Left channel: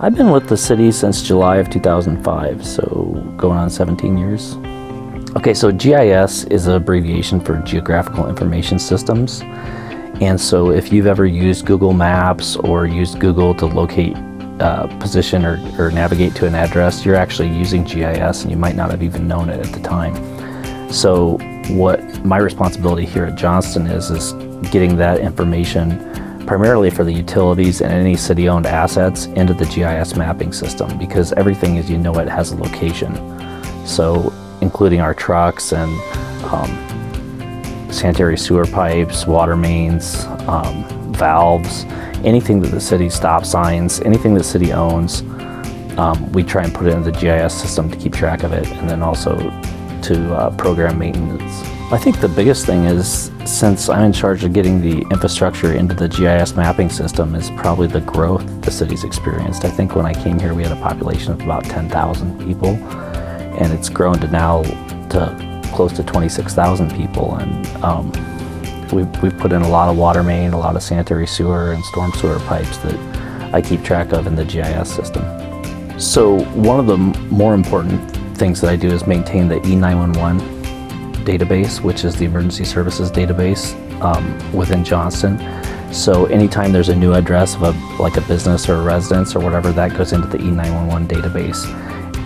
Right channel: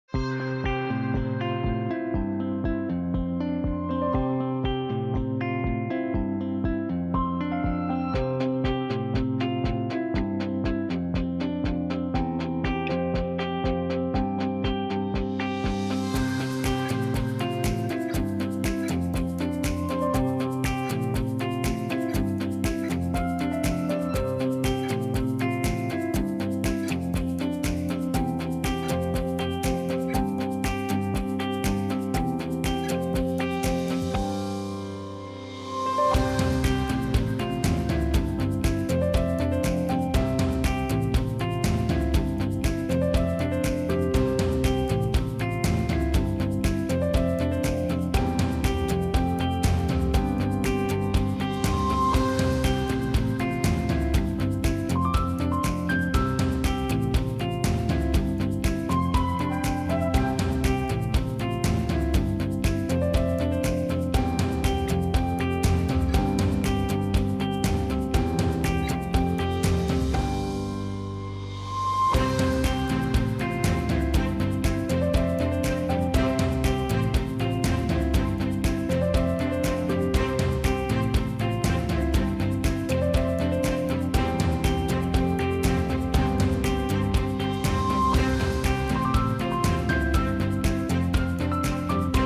I've been with the city since July of 2005, so going on 17 years. Okay, so GIS is an abbreviation for Geographical Information Systems. And so if you've ever used Google Maps or used Google to locate position or navigate to an address, you're actually using GIS and you might not have even known it at the time. So what my responsibility here at Johnston is getting that information primarily for the utilities and any city-owned assets into the GIS mapping system, because everything as you know it has a location. So including our trucks and sanitary sewer pipes, water mains, valves, anything that the city stop signs, anything the city owns, we try and put it into the GIS system to keep track of it, and then also to program maintenance. I think the biggest thing is, since I'm in charge of getting the infrastructure into the GIS mapping system, is probably the growth the city's experienced. I think when I came here we had a population of about 10,000 people, and it's grown to now to close to 26,000 people, and we've put in a lot of water main, a lot of sanitary sewer and storm sewer pipes that I keep track of in the GIS system. So one of the more important things that I do is maintain the E911 database, which is the emergency services database within Johnston. So anytime there's a new address of like a business or a residence or whatever, that goes into the E911 database.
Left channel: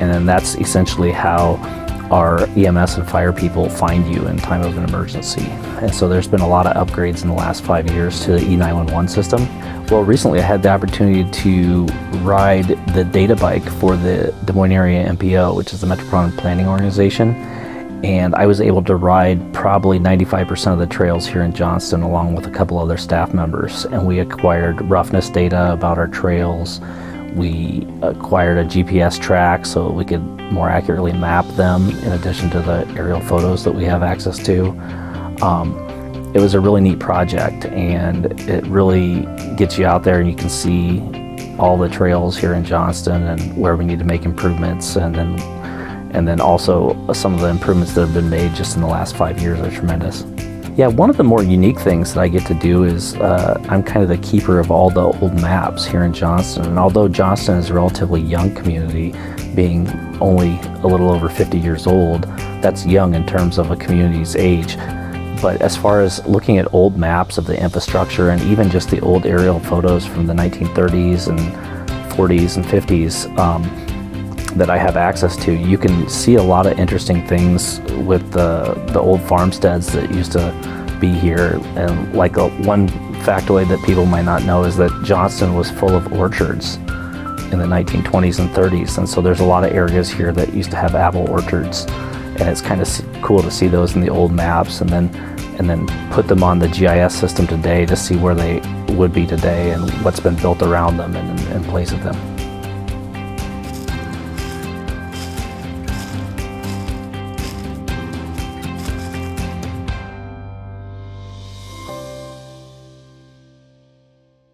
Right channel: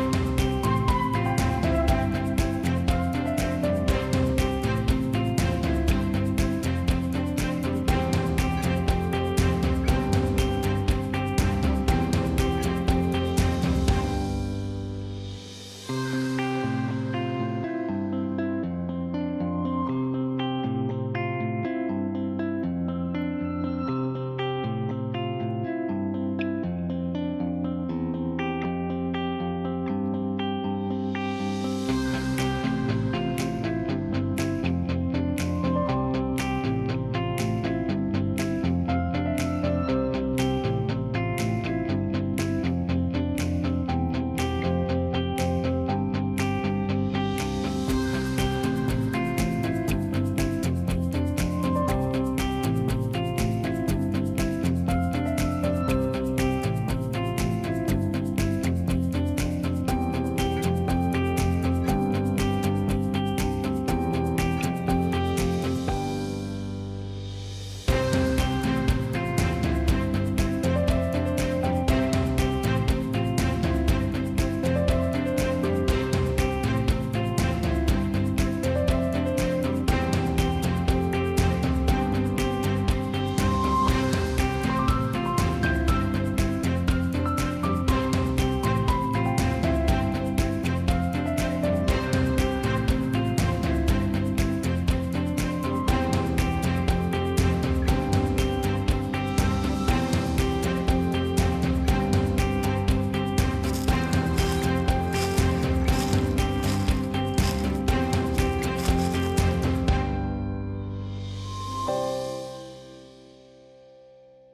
And then that's essentially how our EMS and fire people find you in time of an emergency. And so there's been a lot of upgrades in the last 5 years to the E911 system. Well, recently I had the opportunity to ride the data bike for the Des Moines Area MPO, which is the Metropolitan Planning Organization. And I was able to ride probably 95% of the trails here in Johnston along with a couple other staff members. And we acquired roughness data about our trails. We acquired a GPS track so we could more accurately map them in addition to the aerial photos that we have access to. It was a really neat project, and it really gets you out there and you can see all the trails here in Johnston and where we need to make improvements, and then also some of the improvements that have been made just in the last 5 years are tremendous. Yeah, one of the more unique things that I get to do is I'm kind of the keeper of all the old maps here in Johnston. And although Johnston is a relatively young community, being only a little over 50 years old, that's young in terms of a community's age. But as far as looking at old maps of the infrastructure and even just the old aerial photos from the 1930s and 40s and 50s, that I have access to, you can see a lot of interesting things with the old farmsteads that used to be here. And like one factoid that people might not know is that Johnston was full of orchards in the 1920s and 30s, and so there's a lot of areas here that used to have apple orchards, and it's kind of cool to see those in the old maps and then put them on the GIS system today to see where they would be today and what's been built around them and in place of them.